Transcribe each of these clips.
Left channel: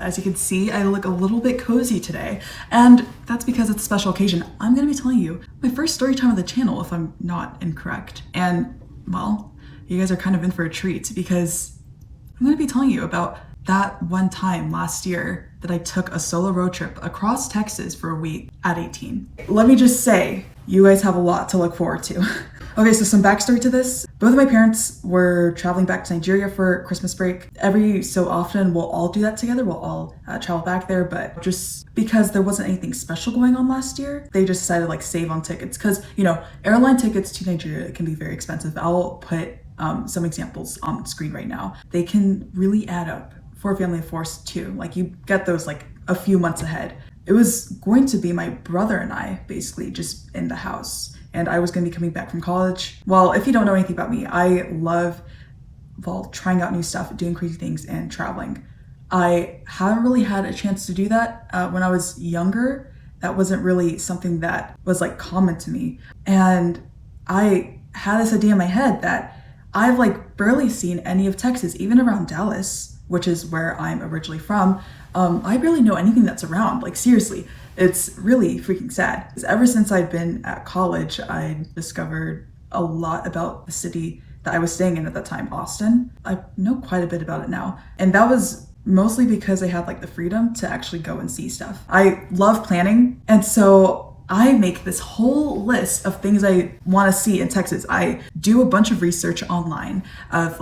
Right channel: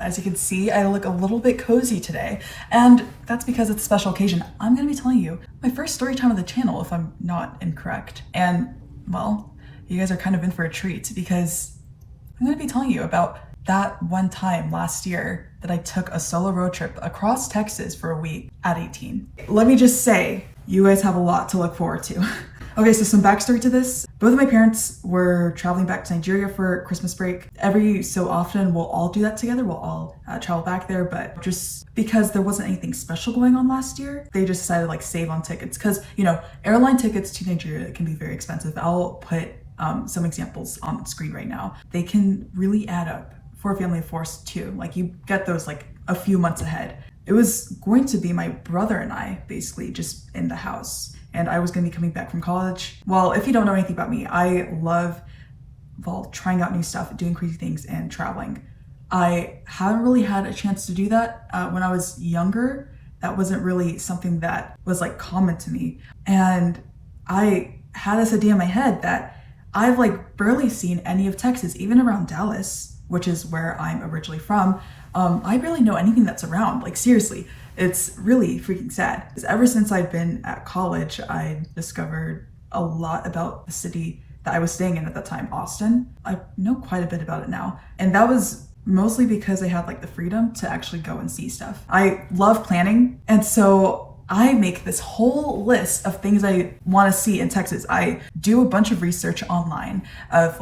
As you can see, I look a little bit cozy today, and that's because it's a special occasion. I'm gonna be telling you my first story time on the channel, if I'm not incorrect. And, well, you guys are kind of in for a treat because I'm gonna be telling you about that one time last year that I took a solo road trip across Texas for a week at 18. Let me just say, you guys have a lot to look forward to. Okay, so some backstory to this. Both of my parents were traveling back to Nigeria for Christmas break. Every so often, we'll all do that together. We'll all travel back there, but just because there wasn't anything special going on last year, they just decided to save on tickets. Because, airline tickets to Nigeria can be very expensive. I'll put some examples on the screen right now. They can really add up for a family of four too. You get those a few months ahead. It was going to be my brother and I basically just in the house, and I was going to be coming back from college. Well, if you don't know anything about me, I love trying out new stuff, doing crazy things, and traveling. I haven't really had a chance to do that when I was younger. That wasn't really something that was common to me, and I had this idea in my head that I've barely seen any of Texas, even around Dallas, which is where I'm originally from. I barely know anything that's around. Seriously, it's really freaking sad. Because ever since I've been at college, I discovered a lot about the city that I was staying in at that time, Austin. I know quite a bit about it now. And that was mostly because I had the freedom to actually go and see stuff. I love planning. And so I make this whole list of things I want to see in Texas. I do a bunch of research online of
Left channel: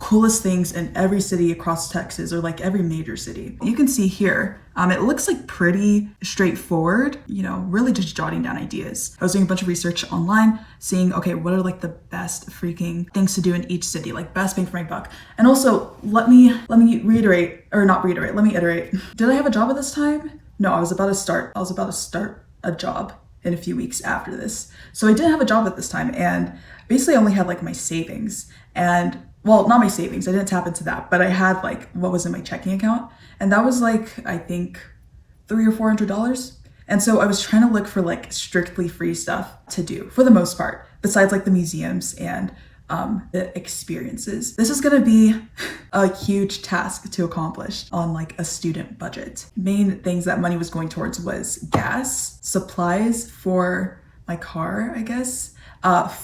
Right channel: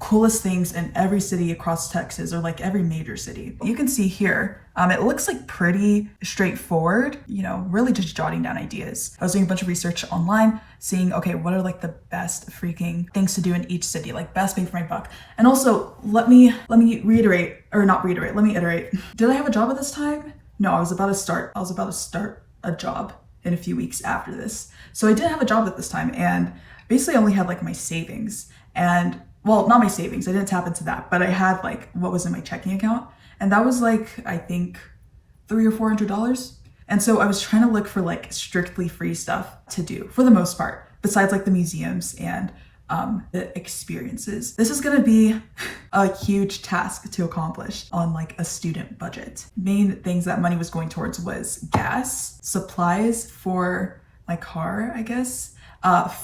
coolest things in every city across Texas, or every major city. You can see here, it looks pretty straightforward, really just jotting down ideas. I was doing a bunch of research online, seeing, okay, what are the best freaking things to do in each city, best bang for my buck. And also, let me iterate. Did I have a job at this time? No, I was about to start a job in a few weeks after this. So I did have a job at this time, and basically I only had my savings, and well, not my savings, I didn't tap into that, but I had what was in my checking account, and that was I think $300 or $400. And so I was trying to look for strictly free stuff to do for the most part, besides the museums and the experiences. This is gonna be a huge task to accomplish on a student budget. Main things that money was going towards was gas, supplies for my car, I guess,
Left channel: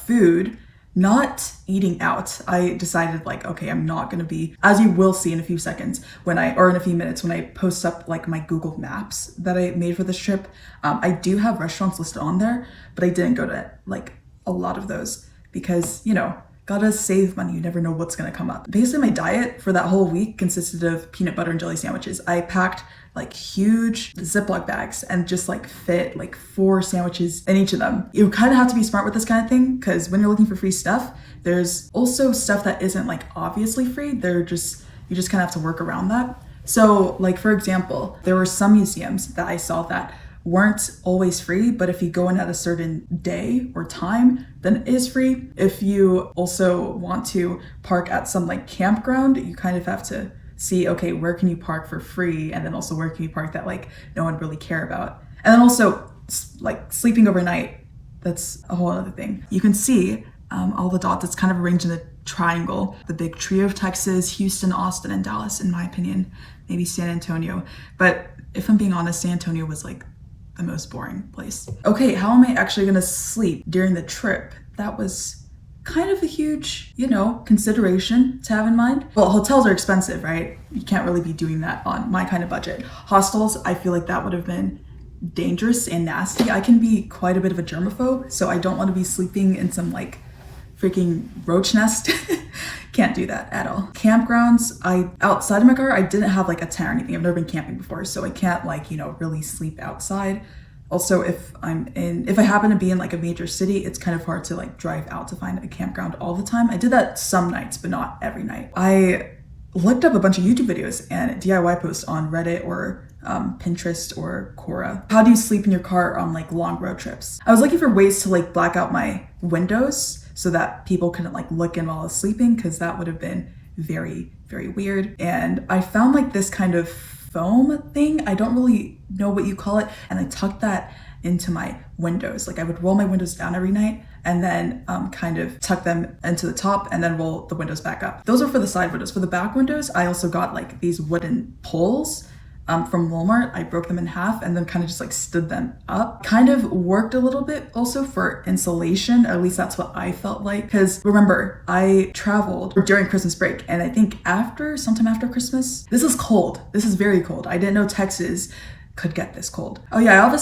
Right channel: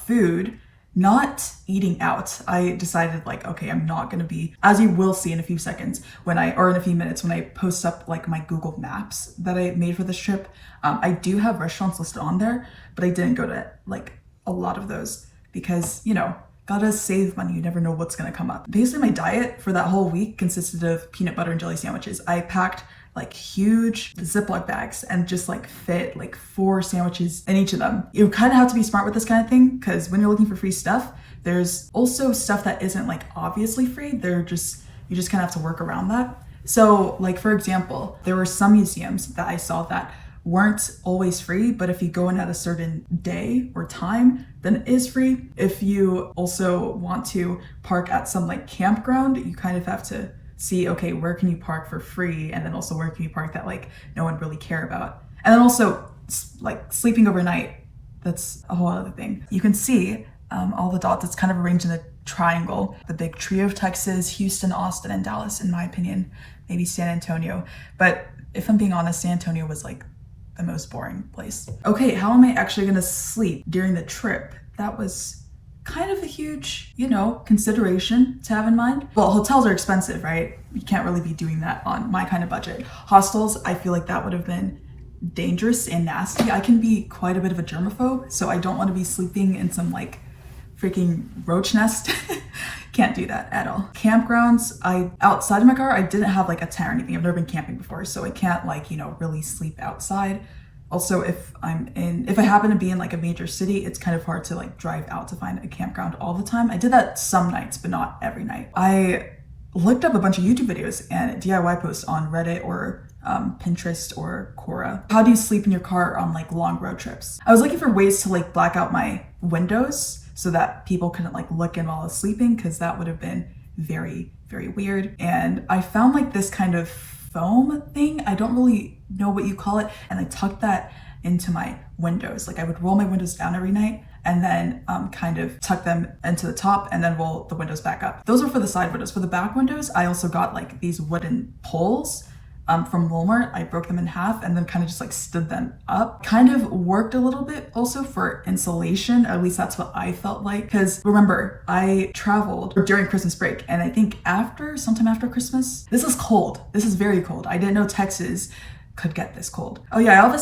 food, not eating out. I decided okay, I'm not gonna be, as you will see in a few seconds in a few minutes when I post up my Google Maps that I made for this trip. I do have restaurants listed on there, but I didn't go to a lot of those because, gotta save money. You never know what's gonna come up. Basically, my diet for that whole week consisted of peanut butter and jelly sandwiches. I packed huge Ziploc bags and just fit 4 sandwiches in each of them. You kind of have to be smart with this kind of thing, because when you're looking for free stuff, there's also stuff that isn't obviously free. You just kind of have to work around that. So for example, there were some museums that I saw that weren't always free, but if you go in at a certain day or time, then it is free. If you also want to park at some campground, you kind of have to see, okay, where can you park for free? And then also where can you park that no one really care about? And then also sleeping overnight, that's a whole other thing. You can see all the dots. It's kind of arranged in a triangle. The big trio of Texas, Houston, Austin, and Dallas, in my opinion, maybe San Antonio. But if I'm being honest, San Antonio was the most boring place. Okay, how am I actually gonna sleep during the trip? That was kind of a huge, consideration to have in mind. Well, hotels are expensive, right? You can't really be doing that on my kind of budget. Hostels, I feel that would have been dangerous and nasty. I can be quite a bit of a germaphobe, so I don't want to be sleeping in some freaking roach nest. Can't do that at all. Campgrounds, outside of my car, I didn't have a tent or anything. I've never been camping before, so I can't really sleep outside. Also, if I happen to be in a major city, it's kind of hard to drive out to find a campground all the time. I did that some nights, but not every night. I looked up a bunch of YouTube videos and DIY posts on Reddit or Pinterest or Quora. How do you sleep in your car on long road trips? I was looking for ways to black out my windows so that people couldn't look in while I was sleeping, because that would have been very, very weird. And I found this kind of foam thing. I don't really know what you call it. And I tucked that into my windows. Like I would roll my windows down every night and then kind of tuck them into the top and then roll the windows back up. Those were for the side windows. For the back windows, I also got like these wooden poles from Walmart. I broke them in half and then kind of just like stood them up. Kind of worked a little bit also for insulation, or at least that's what I felt like. Because remember, I traveled during Christmas break, and I think sometime after Christmas, this is cold. This is very cold. I didn't know Texas could get this cold. Oh yeah,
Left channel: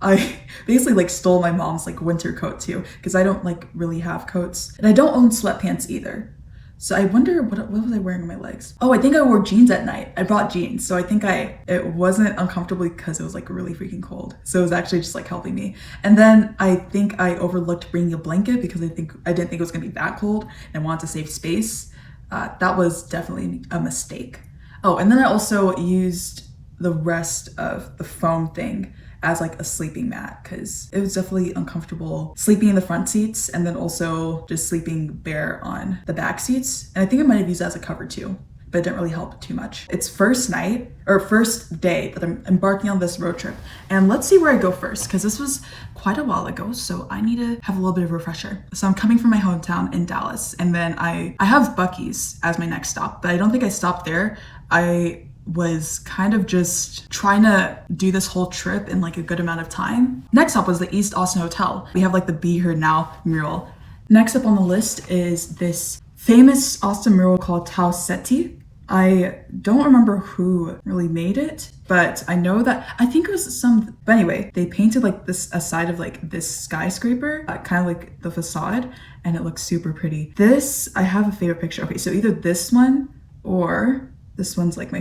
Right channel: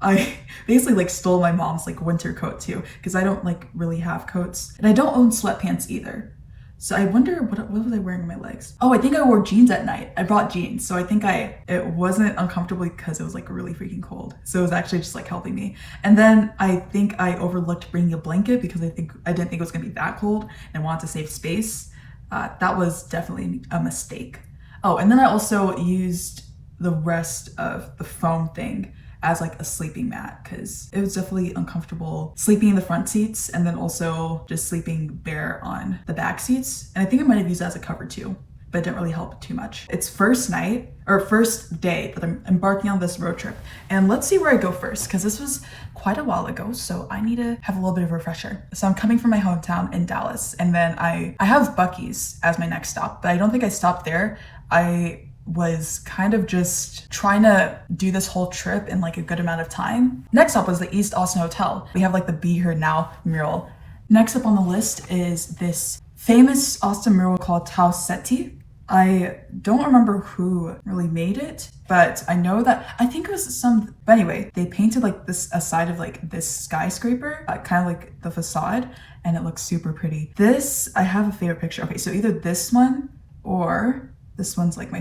I basically like stole my mom's like winter coat too, because I don't like really have coats, and I don't own sweatpants either. So I wonder what was I wearing on my legs? Oh, I think I wore jeans at night. I brought jeans. So I think it wasn't uncomfortable because it was like really freaking cold. So it was actually just like helping me. And then I think I overlooked bringing a blanket because I didn't think it was gonna be that cold and wanted to save space. That was definitely a mistake. Oh, and then I also used the rest of the foam thing as like a sleeping mat because it was definitely uncomfortable sleeping in the front seats and then also just sleeping bare on the back seats. And I think I might have used that as a cover too, but it didn't really help too much. It's first day that I'm embarking on this road trip. And let's see where I go first, because this was quite a while ago, so I need to have a little bit of a refresher. So I'm coming from my hometown in Dallas, and then I have Buc-ee's as my next stop, but I don't think I stopped there. I was kind of just trying to do this whole trip in like a good amount of time. Next up was the East Austin Hotel. We have like the Be Here Now mural. Next up on the list is this famous Austin mural called Tau Ceti. I don't remember who really made it, but I know that I think it was but anyway, they painted like this a side of like this skyscraper, kind of like the facade, and it looks super pretty. I have a favorite picture. Okay, so either this one or this one's like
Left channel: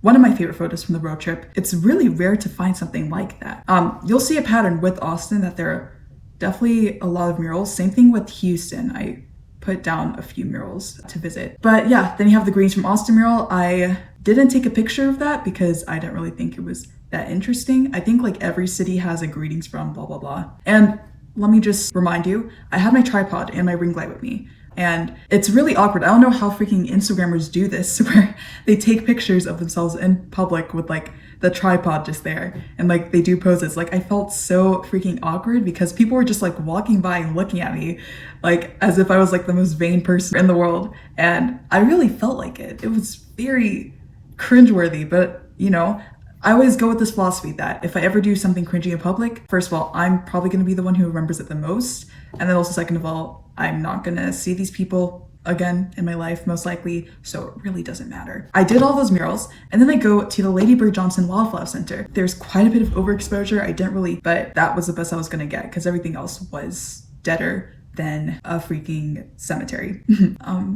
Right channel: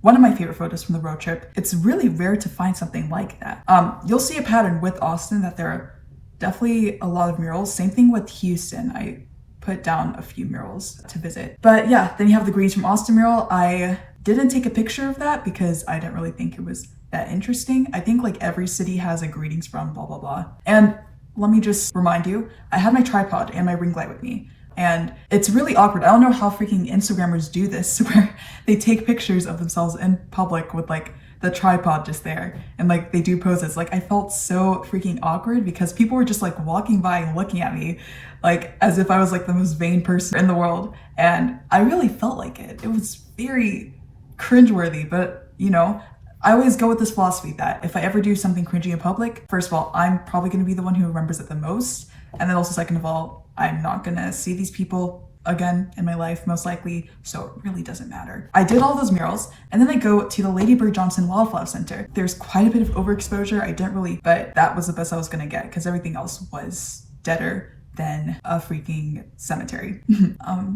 one of my favorite photos from the road trip. It's really rare to find something like that. You'll see a pattern with Austin that there are definitely a lot of murals. Same thing with Houston. I put down a few murals to visit. But yeah, then you have the Greens from Austin mural. I didn't take a picture of that because I didn't really think it was that interesting. I think like every city has a greetings from blah, blah, blah. And let me just remind you, I have my tripod and my ring light with me. And it's really awkward. I don't know how freaking Instagrammers do this, where they take pictures of themselves in public with like the tripod just there and like they do poses. Like I felt so freaking awkward because people were just like walking by and looking at me like as if I was like the most vain person in the world. And I really felt like it. It was very cringeworthy, but you know, I always go with this philosophy that if I ever do something cringy in public, first of all, I'm probably going to be the one who remembers it the most. And then also second of all, I'm not going to see these people again in my life, most likely. So it really doesn't matter. I did all those murals and then I go to the Lady Bird Johnson Wildflower Center. There's quite a bit of overexposure. But that was the best I was going to get because everything else was deader than a freaking cemetery.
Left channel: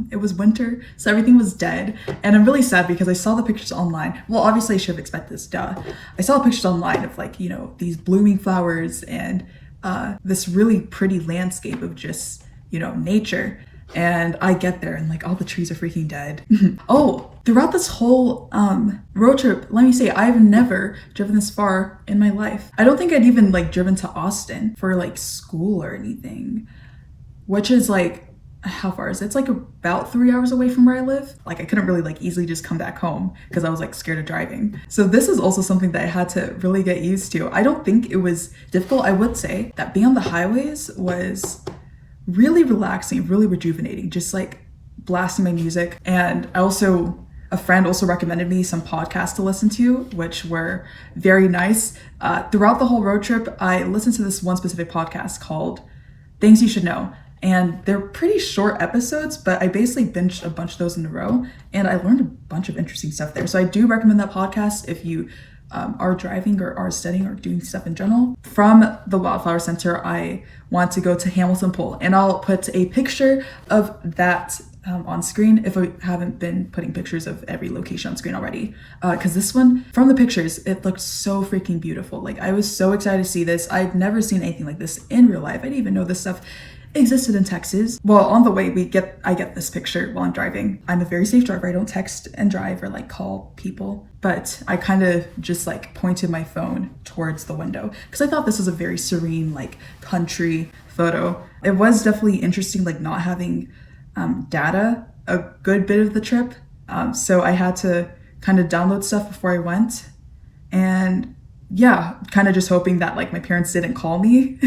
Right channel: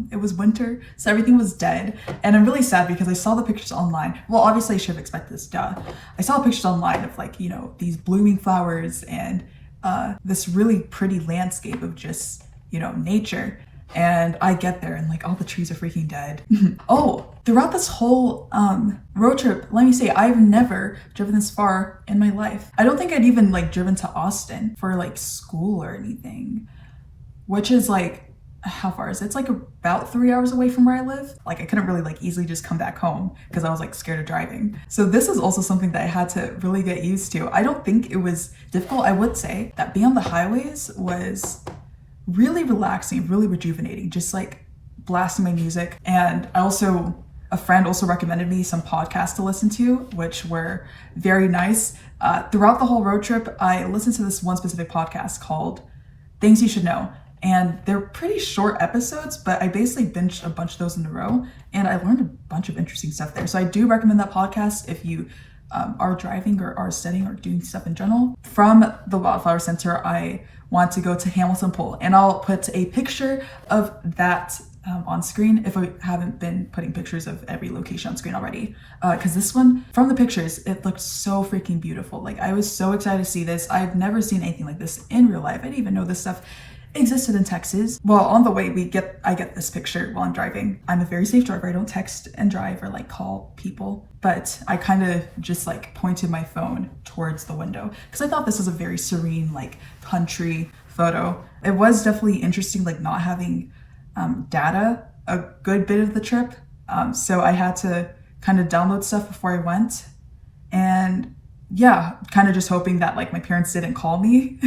It was winter, so everything was dead. And I'm really sad because I saw the pictures online. Well, obviously I should have expected this, duh. I saw pictures online of like, you know, these blooming flowers and this really pretty landscape of just, you know, nature. And I get there and like all the trees are freaking dead. Oh, throughout this whole road trip, let me say, I've never driven this far in my life. I don't think I'd even like driven to Austin for like school or anything. Which is like, how far is it? It's like about 3 hours away from where I live. Like I couldn't really like easily just come back home because I was like scared of driving. So this is also something that I had to really get used to. I don't think it was difficult. I would say that being on the highways was really relaxing, really rejuvenating, just like blasting my music. And a friend also recommended me some podcasts to listen to, which were very nice. Throughout the whole road trip, I listened to this one specific podcast called Things You Should Know. And they're pretty short episodes, but I basically binged a bunch of those in a row and I learned a bunch of interesting stuff there. So I do recommend that podcast if you are driving or are studying or doing stuff in general. From the Wildflower Center, I want to go to Hamilton Pool, and I'll put a picture of that on screen if I haven't been putting pictures of every location on screen already. Because this one, from the pictures, it looked so freaking beautiful. Like I was so excited to see this. I've never seen anything like this in real life. I didn't even know this stuff existed in Texas. Well, on the way I get this picture while I'm driving. I'm a very safe driver. I don't text and drive or like call people, but I kind of just like pointed my phone towards the window because I thought this was a very serene like country photo. It was definitely interesting like not having data a good bit of the trip. So I had to kind of download stuff before I went. And yeah, kind of just hoping that like my parents didn't call me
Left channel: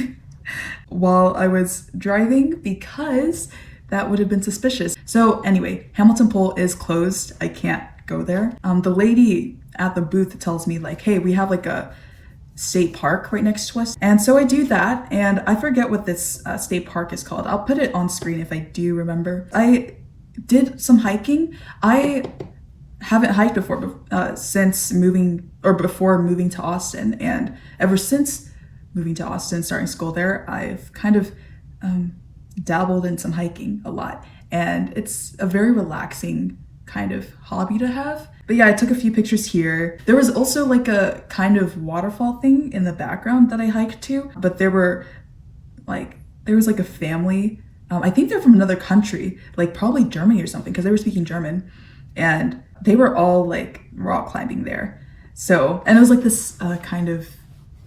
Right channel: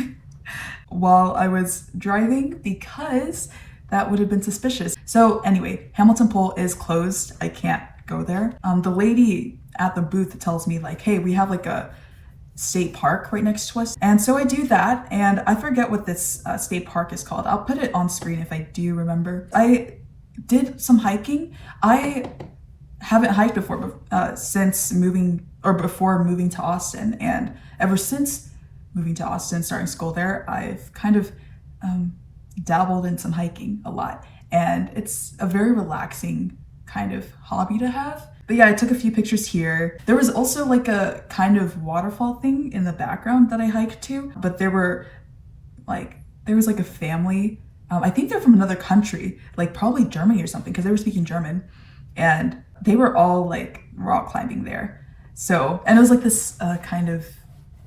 while I was driving because that would have been suspicious. So anyway, Hamilton Pool is closed. I can't go there. The lady at the booth tells me like, hey, we have like a state park right next to us. And so I do that, and I forget what this state park is called. I'll put it on screen if I do remember. I did some hiking. I haven't hiked before since moving, or before moving to Austin, and ever since moving to Austin, starting school there, I've kind of dabbled in some hiking a lot, and it's a very relaxing kind of hobby to have. But yeah, I took a few pictures here. There was also like a kind of waterfall thing in the background that I hiked to, but there was like a family. I think they're from another country, like probably Germany or something, because they were speaking German, and they were all like rock climbing there. So, and it was like this kind of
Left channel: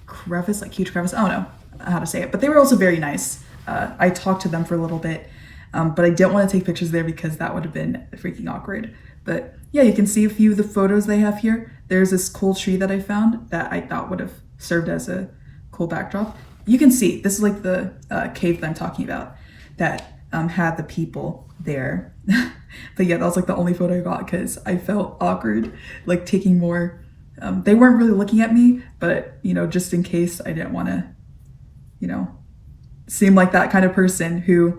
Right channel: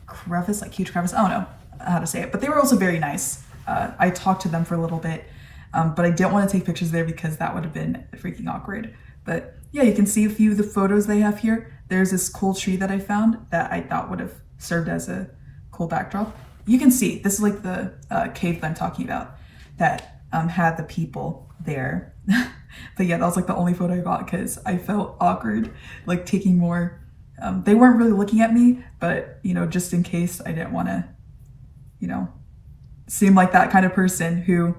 crevice, like huge crevice. I don't know how to say it, but they were also very nice. I talked to them for a little bit, but I didn't want to take pictures there because that would have been freaking awkward. But yeah, you can see a few of the photos they have here. There's this cool tree that I found that I thought would have served as a cool backdrop. You can see, this is like the cave that I'm talking about that had the people there. But yeah, that was like the only photo I got because I felt awkward, like taking more. They weren't really looking at me, but you know, just in case, I didn't want to, you know, seem like that kind of person who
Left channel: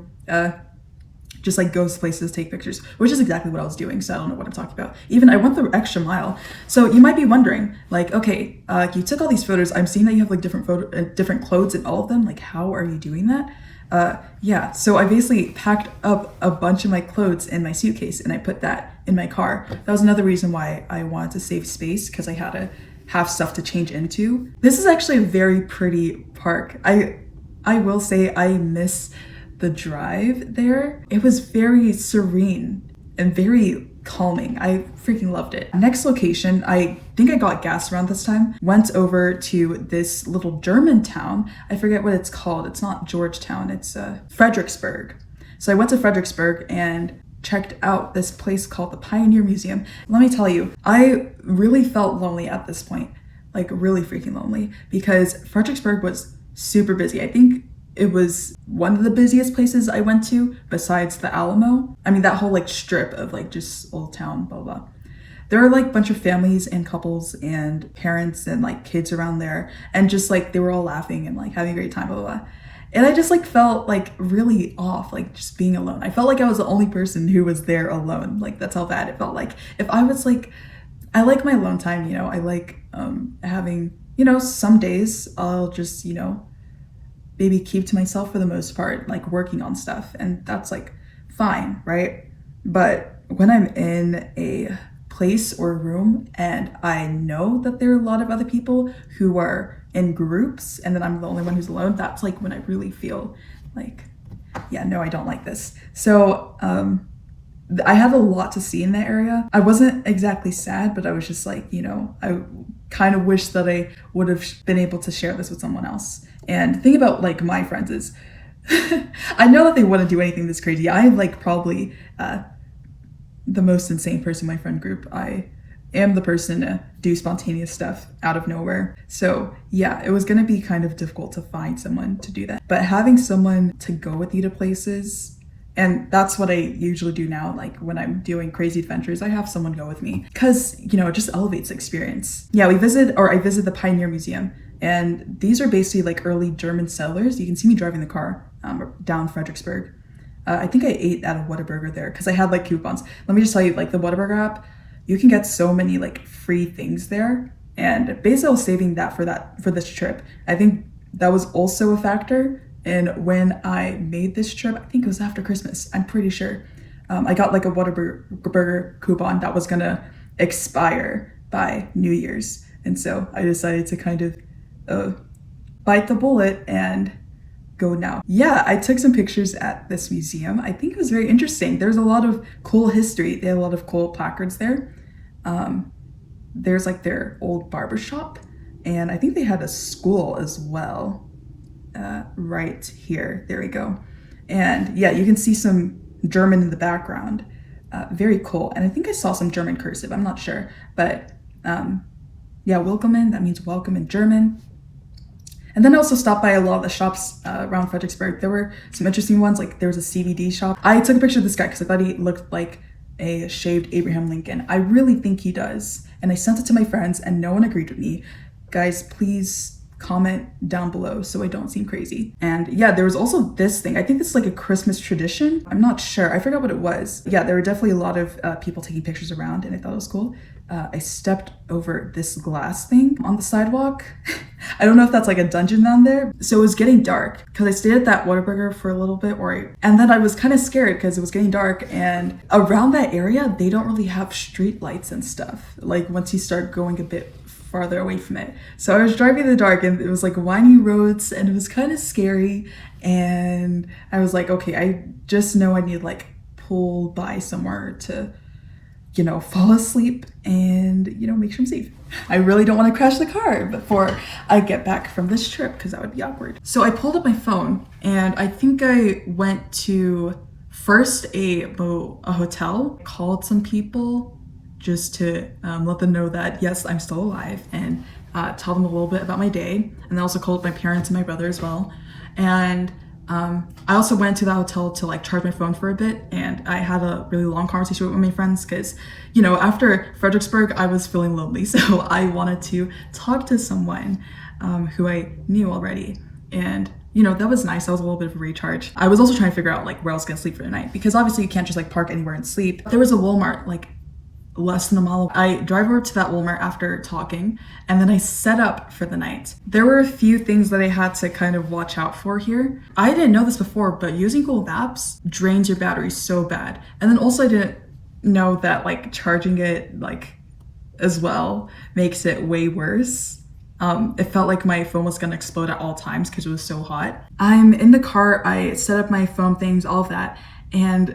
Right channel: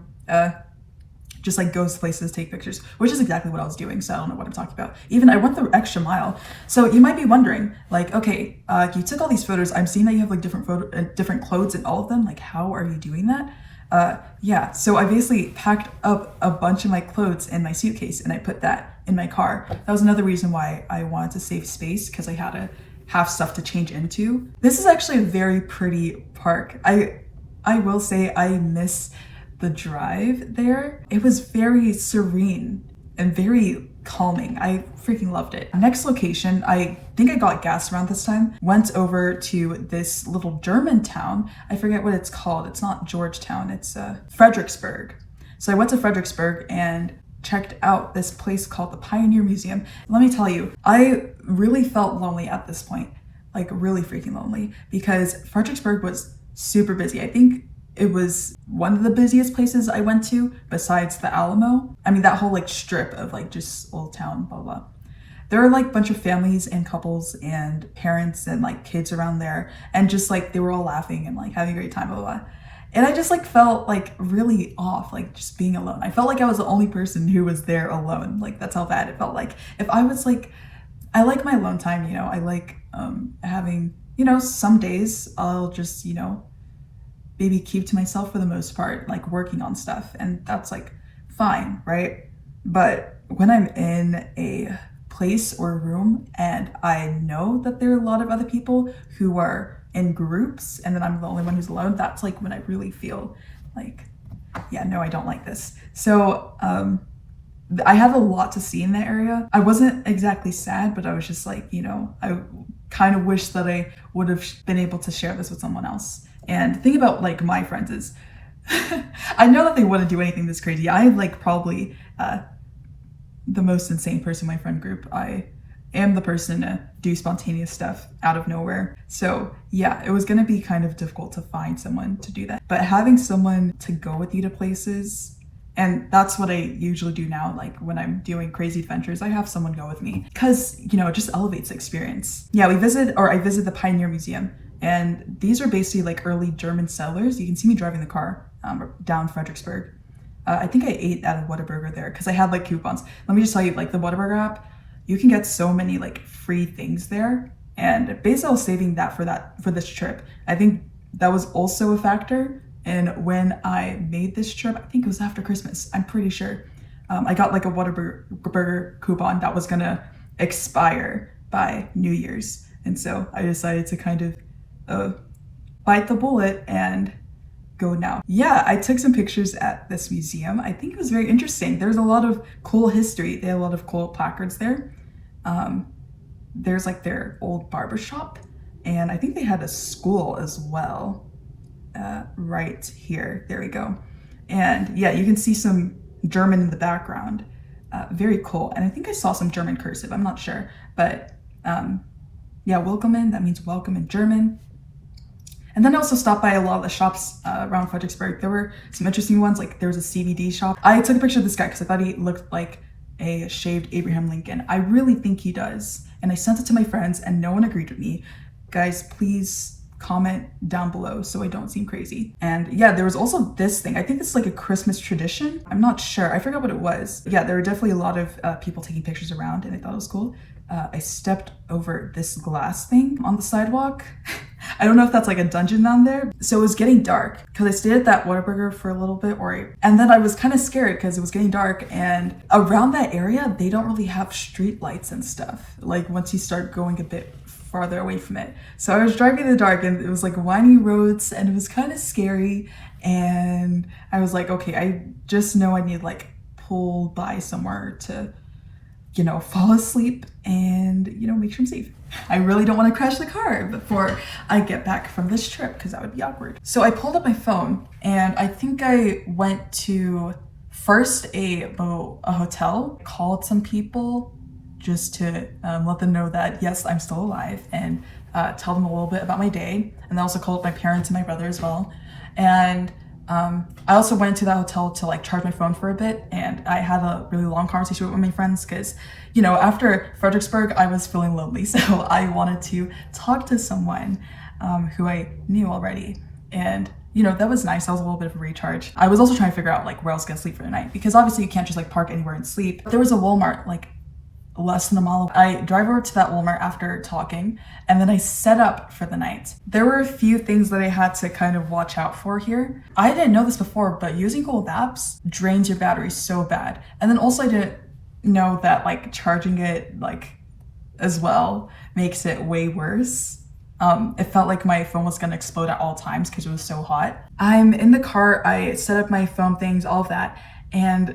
just like goes places, take pictures, which is exactly what I was doing. So I don't know what I'm talking about. Even I went the extra mile. So you might be wondering, like, okay, you took all these photos. I'm seeing that you have like different clothes in all of them. Like, how are you doing that? Yeah, so I basically packed up a bunch of my clothes in my suitcase and I put that in my car. That was another reason why I wanted to save space, because I had to have stuff to change into. This is actually a very pretty park. I will say I miss the drive there. It was very serene and very calming. I freaking loved it. Next location, I think I got gas around this time. Went over to this little German town. I forget what it's called. It's not Georgetown, it's Fredericksburg. So I went to Fredericksburg and checked out this place called the Pioneer Museum. Let me tell you, I really felt lonely at this point, like really freaking lonely, because Fredericksburg was super busy. I think it was one of the busiest places I went to besides the Alamo. I mean, that whole like strip of like just old town, blah, blah. There are like a bunch of families and couples and parents and like kids around there. And just like, they were all laughing and like having a great time, blah, blah, blah. And I just like felt like really off, like just being alone. I felt like I was the only person who was there alone. Like that's how bad it felt. Like if I was like, I like my alone time, you know, I like having, you know, some days I'll just, you know, maybe keep to myself for the most part, like working on stuff, and that's like fine, right? But when I'm in a place or a room and I know that there are a lot of other people who are in groups and then I'm the only one who's alone, that's like when I really feel like, yeah, no, I don't like this. So I have a lot to see in the area. I wasn't exactly sad, but I was just like, you know, I kind of wish that I would have been able to share this with someone else. And the thing about like my friends is I know that they want to do anything this crazy. I'm like probably the most insane person in my friend group. I am the person to do spontaneous stuff out of nowhere. So yeah, it was going to be kind of difficult to find someone to do that. But having someone to go with you to places, and that's what I usually do now. Like when I'm doing crazy adventures, I have someone go with me because, you know, it just elevates the experience. Yeah, I visit the Pioneer Museum. And these are basically like early German settlers. You can see me driving the car down Fredericksburg. I think I ate at a Whataburger there because I had like coupons. Let me just tell you, like the Whataburger app, you can get so many like free things there. And basically I was saving that for this trip. I think that was also a factor. And when I made this trip, I think it was after Christmas, I'm pretty sure. I got like a Whataburger coupon that was gonna expire by New Year's. And so I decided to kind of bite the bullet and go now. Yeah, I took some pictures at this museum. I think it was very interesting. There's a lot of cool history. They have a lot of cool placards there. There's like their old barbershop, and I think they had a school as well. Right here, there we go. And yeah, you can see some German in the background. Very cool. And I think I saw some German cursive, I'm not sure, but Yeah, willkommen, that means welcome in German. And then I also stopped by a lot of the shops around Fredericksburg. There were some interesting ones, like there was a CBD shop. I took a picture of this guy because I thought he looked like a shaved Abraham Lincoln. I really think he does. And I sent it to my friends and no one agreed with me. Guys, please comment down below so I don't seem crazy. And yeah, there was also this thing. I think it's like a Christmas tradition. I'm not sure. I forgot what it was. Yeah, there were definitely a lot of people taking pictures around and I thought it was cool. I stepped over this glass thing on the sidewalk. I don't know if that's like a dungeon down there. So it was getting dark because I stayed at that Whataburger for a little bit and then I was kind of scared because it was getting dark, and around that area, they don't really have street lights and stuff. Like once you start going a bit farther away from it. So I was driving in the dark and it was like windy roads and it was kind of scary. And I was like, okay, I just know I need to like pull by somewhere to, you know, fall asleep and, you know, make sure I'm safe. I really don't want to crash the car before I get back from this trip because that would be awkward. So I pulled up my phone and I think I went to first a hotel, called some people just to let them know that yes, I'm still alive, and tell them a little bit about my day. And I also called my parents and my brother as well. And I also went to the hotel to like charge my phone for a bit, and I had a really long conversation with my friends because, you know, after Fredericksburg, I was feeling lonely. So I wanted to talk to someone who I knew already. And, you know, that was nice. That was a little bit of a recharge. I was also trying to figure out like where I was gonna sleep for the night because obviously you can't just like park anywhere and sleep. There was a Walmart like less than a mile away. I drive over to that Walmart after talking, and then I set up for the night. There were a few things that I had to kind of watch out for here. I didn't know this before, but using Google Maps drains your battery so bad. And then also I didn't know that like charging it like as well makes it way worse. It felt like my phone was gonna explode at all times because it was so hot. I'm in the car, I set up my phone things, all of that, and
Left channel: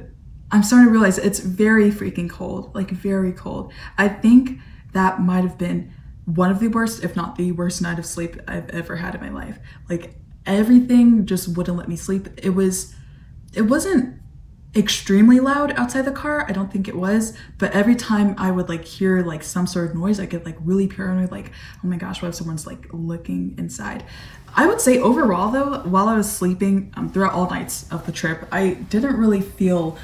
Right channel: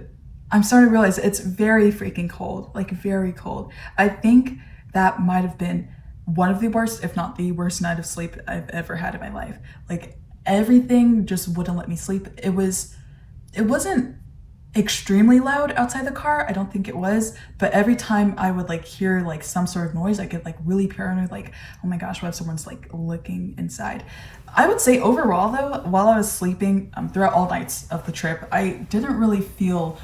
I'm starting to realize it's very freaking cold, like very cold. I think that might have been one of the worst, if not the worst night of sleep I've ever had in my life. Like everything just wouldn't let me sleep. It wasn't extremely loud outside the car. I don't think it was, but every time I would like hear like some sort of noise, I get like really paranoid, like, oh my gosh, what if someone's like looking inside? I would say overall though, while I was sleeping throughout all nights of the trip, I didn't really feel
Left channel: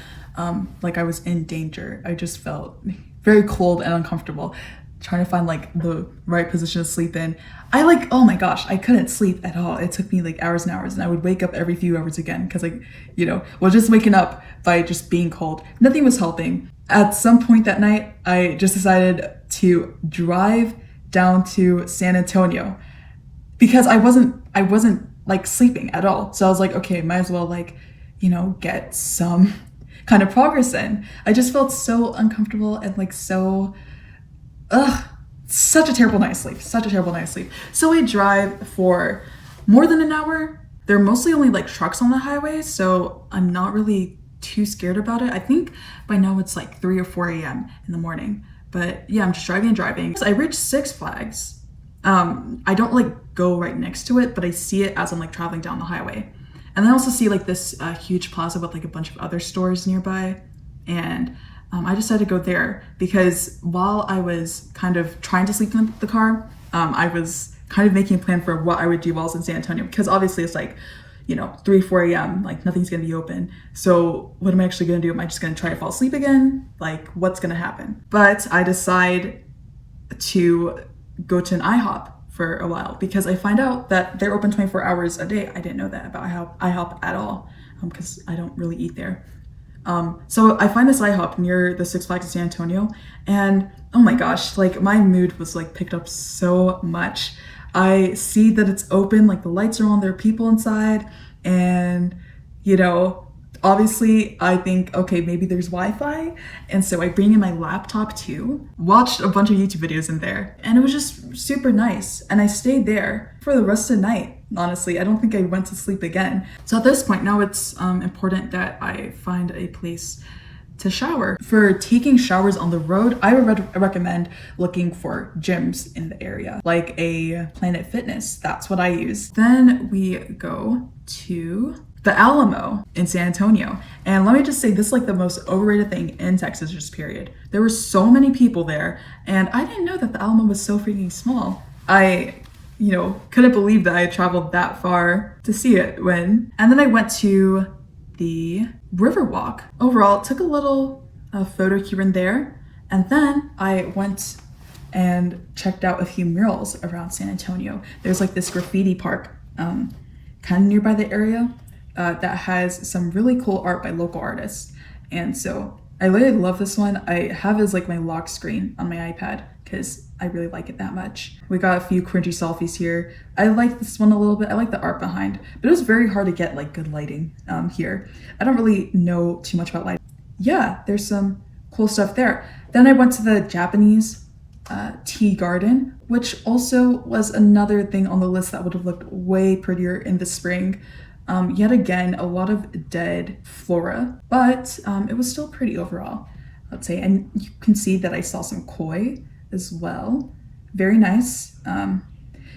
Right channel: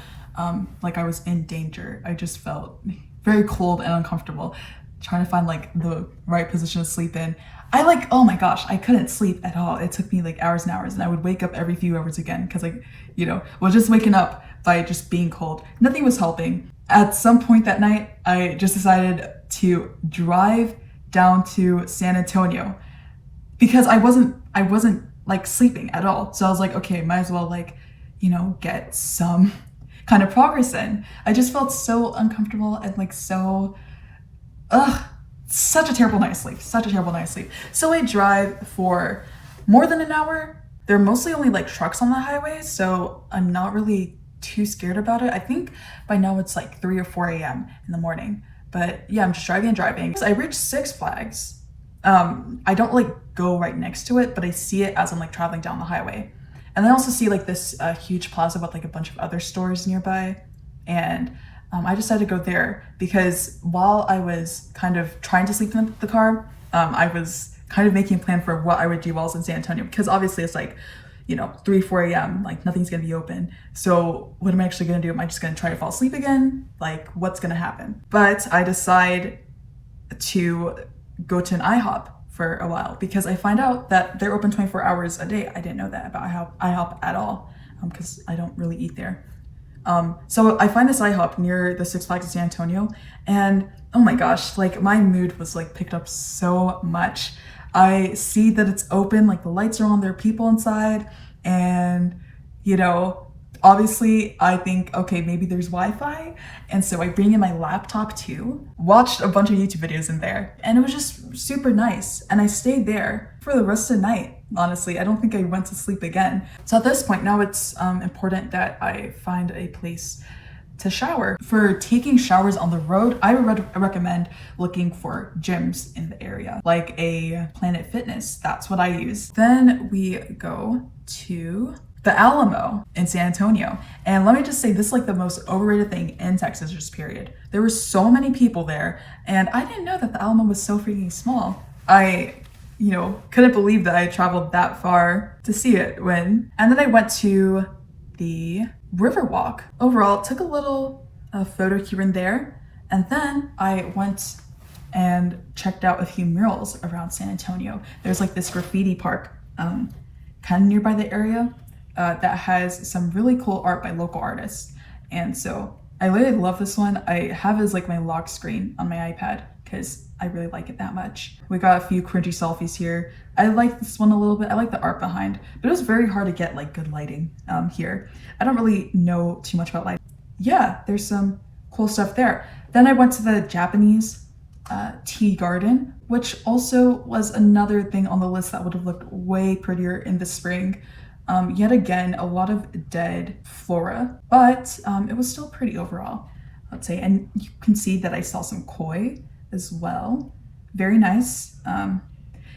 like I was in danger. I just felt very cold and uncomfortable, trying to find like the right position to sleep in. I like, oh my gosh, I couldn't sleep at all. It took me like hours and hours, and I would wake up every few hours again because like, you know, well, just waking up by just being cold. Nothing was helping. At some point that night, I just decided to drive down to San Antonio because I wasn't like sleeping at all. So I was like, okay, might as well like, you know, get some kind of progress in. I just felt so uncomfortable and like so, such a terrible night of sleep, such a terrible night of sleep. So I drive for more than an hour. There are mostly only like trucks on the highway, so I'm not really too scared about it. I think by now it's like 3 or 4 a.m. in the morning. But yeah, I'm just driving and driving. So I reached Six Flags. I don't like go right next to it, but I see it as I'm like traveling down the highway. And I also see like this huge plaza with like a bunch of other stores nearby. And I decided to go there because while I was kind of trying to sleep in the car, I was kind of making a plan for what I would do while I was in San Antonio. Because obviously it's like, you know, 3, 4 a.m., like nothing's gonna be open. So what am I actually gonna do? Am I just gonna try to fall asleep again? Like what's gonna happen? But I decide to go to an IHOP for a while because I find out that they're open 24 hours a day. I didn't know that about IHOP at all because I don't really eat there. So I find this IHOP near the Six Flags in San Antonio, and oh my gosh, like my mood was like picked up so much. I see that it's open, like the lights are on, there are people inside, and you know, obviously I think, okay, maybe there's Wi-Fi. And so I bring in my laptop too, watched a bunch of YouTube videos in there, and it was just super nice. And I stayed there for the rest of the night. Honestly, I don't think I went to sleep again. So at this point now it's important that I find a place to shower. For taking showers on the road, I would recommend looking for gyms in the area, like a Planet Fitness. That's what I use. Then we go to the Alamo in San Antonio. And let me just say, this is like the most overrated thing in Texas, just period. There were so many people there, and I didn't know that the Alamo was so freaking small. I, couldn't believe that I had traveled that far to see it and then I went to the Riverwalk. Overall, took a little photo here and there, and then I went and checked out a few murals around San Antonio. There's like this graffiti park kind of nearby the area that has some really cool art by local artists. And so I really love this one. I have it as like my lock screen on my iPad because I really like it that much. We got a few cringy selfies here. I like this one a little bit. I like the art behind, but it was very hard to get like good lighting here. I don't really know too much about lighting. Yeah, there's some cool stuff there. Then I went to the Japanese tea garden, which also was another thing on the list that would have looked way prettier in the spring. Yet again, a lot of dead flora, but it was still pretty overall, let's say. And you can see that I saw some koi as well. Very nice.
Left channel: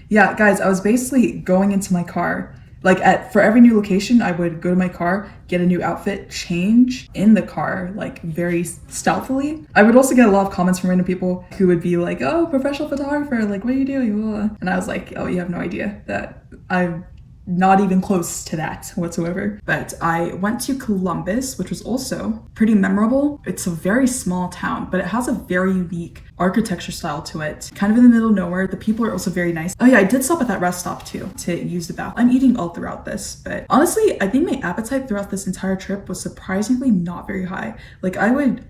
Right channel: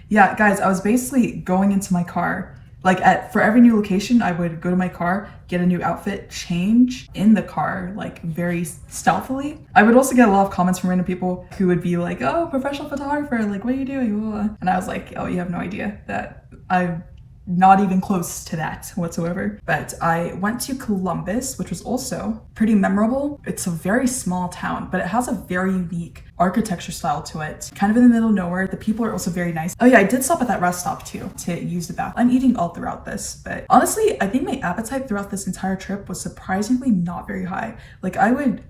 Yeah, guys, I was basically going into my car. Like for every new location, I would go to my car, get a new outfit, change in the car, like very stealthily. I would also get a lot of comments from random people who would be like, "Oh, professional photographer, like, what are you doing?" And I was like, "Oh, you have no idea that I'm not even close to that whatsoever." But I went to Columbus, which was also pretty memorable. It's a very small town, but it has a very unique architecture style to it. Kind of in the middle of nowhere. The people are also very nice. Oh yeah, I did stop at that rest stop too to use the bathroom. I'm eating all throughout this, but honestly, I think my appetite throughout this entire trip was surprisingly not very high. Like I would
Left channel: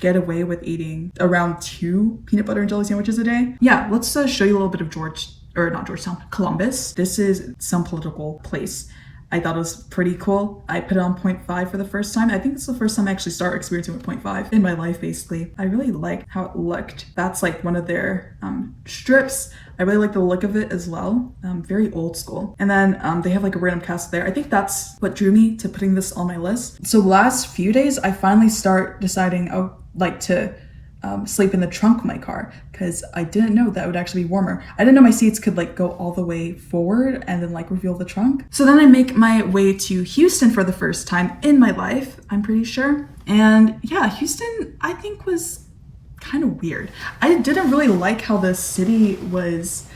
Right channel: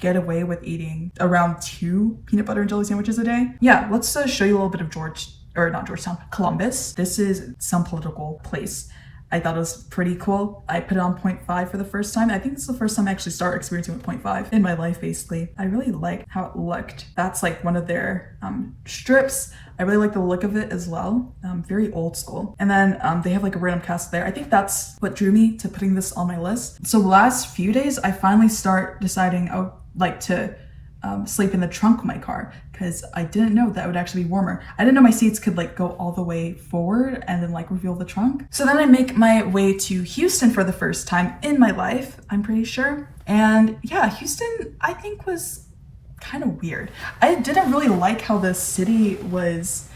get away with eating around 2 peanut butter and jelly sandwiches a day. Yeah, let's show you a little bit of Columbus. This is some political place. I thought it was pretty cool. I put it on 0.5 for the first time. I think this is the first time I actually started experiencing with 0.5 in my life, basically. I really liked how it looked. That's like one of their strips. I really like the look of it as well. Very old school. And then they have like a random cast there. I think that's what drew me to putting this on my list. So the last few days, I finally start deciding I would like to sleep in the trunk of my car because I didn't know that would actually be warmer. I didn't know my seats could like go all the way forward and then like reveal the trunk. So then I make my way to Houston for the first time in my life, I'm pretty sure. And yeah, Houston I think was kind of weird. I didn't really like how the city was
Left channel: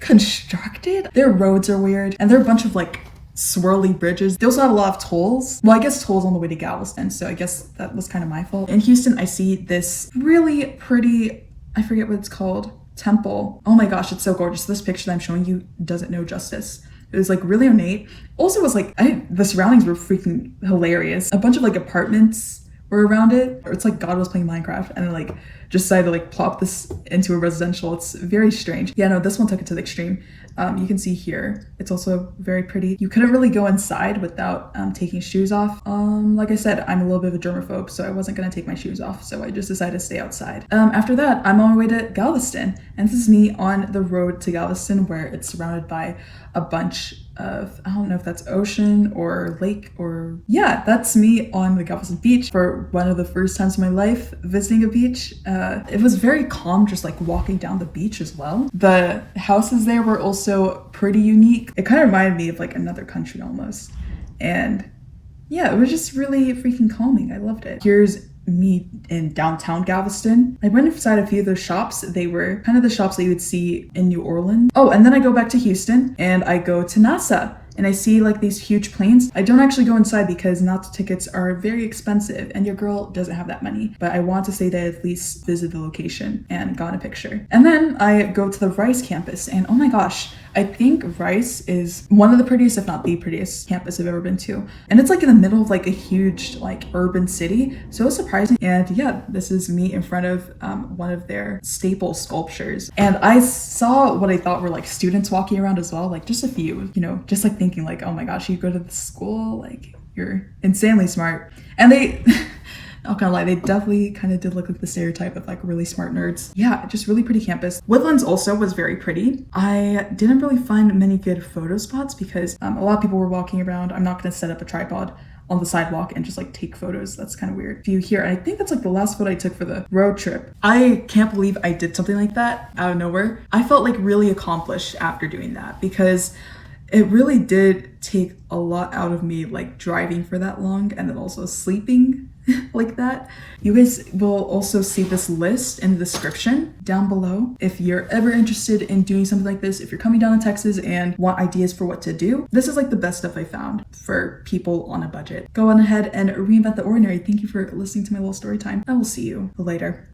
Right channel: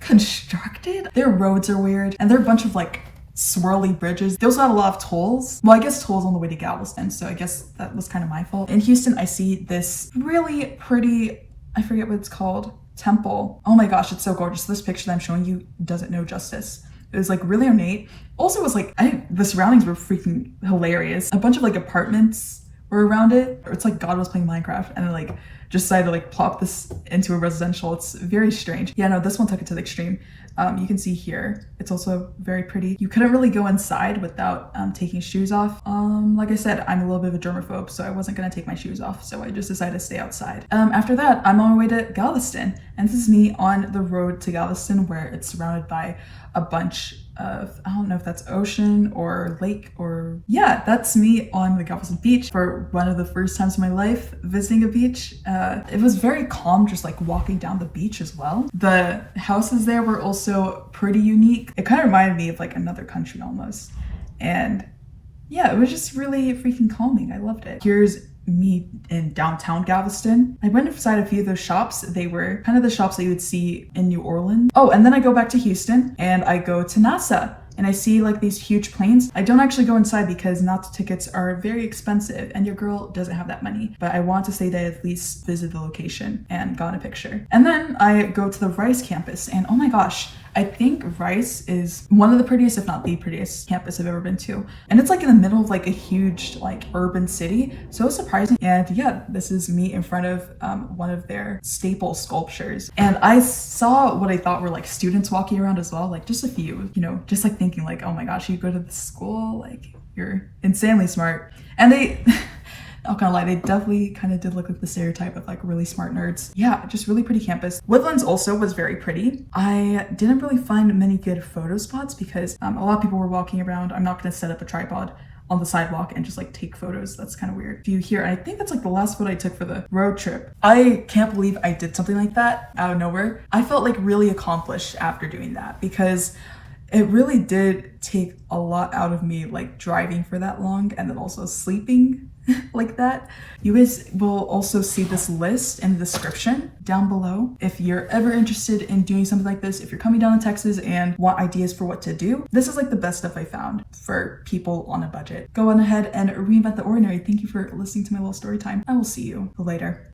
constructed. Their roads are weird and there are a bunch of like swirly bridges. They also had a lot of tolls. Well, I guess tolls on the way to Galveston, so I guess that was kind of my fault. In Houston, I see this really pretty, I forget what it's called, temple. Oh my gosh, it's so gorgeous. This picture that I'm showing you doesn't know justice. It was like really ornate. Also was like, the surroundings were freaking hilarious. A bunch of like apartments were around it. It's like God was playing Minecraft and then like just decided to like plop this into a residential. It's very strange. Yeah, no, this one took it to the extreme. You can see here, it's also very pretty. You couldn't really go inside without taking shoes off. Like I said, I'm a little bit of a germaphobe, so I wasn't gonna take my shoes off, so I just decided to stay outside. After that, I'm on my way to Galveston, and this is me on the road to Galveston, where it's surrounded by a bunch of, I don't know if that's ocean or lake or, yeah, that's me on the Galveston beach for one of the first times in my life visiting a beach. It was very calm just like walking down the beach as well. The houses there were also pretty unique. It kind of reminded me of like another country almost. And yeah, it was just really freaking calming. I loved it. Here's me in downtown Galveston. I went inside a few of those shops. They were kind of the shops that you would see in New Orleans. Oh, and then I go back to Houston and I go to Chinazaa. And I see like these huge planes. I don't actually go inside because Nazi tickets are very expensive and your girl doesn't have that money. But I want to say to at least visit the location and got a picture. And then I go to the Rice campus and oh my gosh, I think Rice is one of the prettiest, if not the prettiest campus I've ever been to. And it's like in the middle of like a huge like urban city. So it was surprising. And yeah, this is me in front of one of their staple sculptures. And I saw what I thought were like students walking around as well, like just a few, you know, just like thinking like, oh my gosh, you go to this school, like you're insanely smart. And they, not gonna lie, they definitely kind of did look like the stereotype of like really smart nerds. Yeah, just really pretty campus. Woodlands also was very pretty. I didn't really find many good photo spots because a lot of people were walking around. I'm not gonna set up a tripod on the sidewalk and just like take photos. That's kind of weird. View here, and I think that's like the last photo I took for the road trip. I can't believe I did something like that out of nowhere. I felt like really accomplished after doing that because it really did take a lot out of me, like driving for that long and then also sleeping like that. You guys will also see this list in the description down below if you're ever interested in doing something like this. If you're coming down to Texas and want ideas for what to do, this is like the best stuff I found for people on a budget. Go on ahead and reinvent the ordinary. Thank you for listening to my little story time. I will see you later.